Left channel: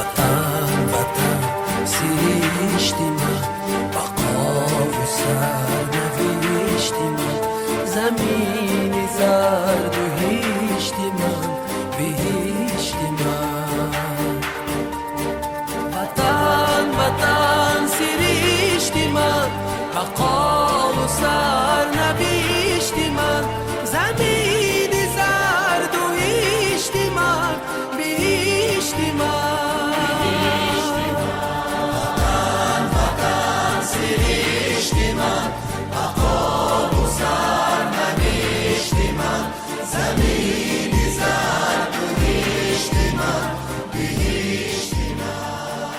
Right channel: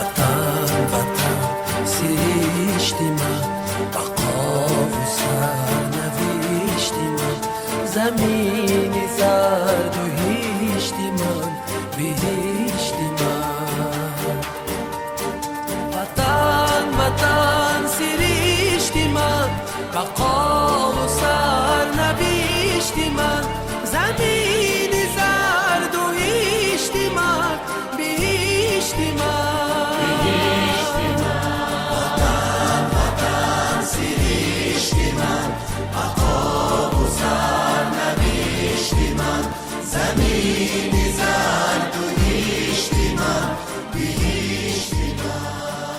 وطن وطن سرشتی من، بقا و سرنوشتی من، زمین زرد و هیشتی من، بهشتی من. وطن وطن سرشتی من، بقا و سرنوشتی من، زمین زرد و هیشتی من، بهشتی من.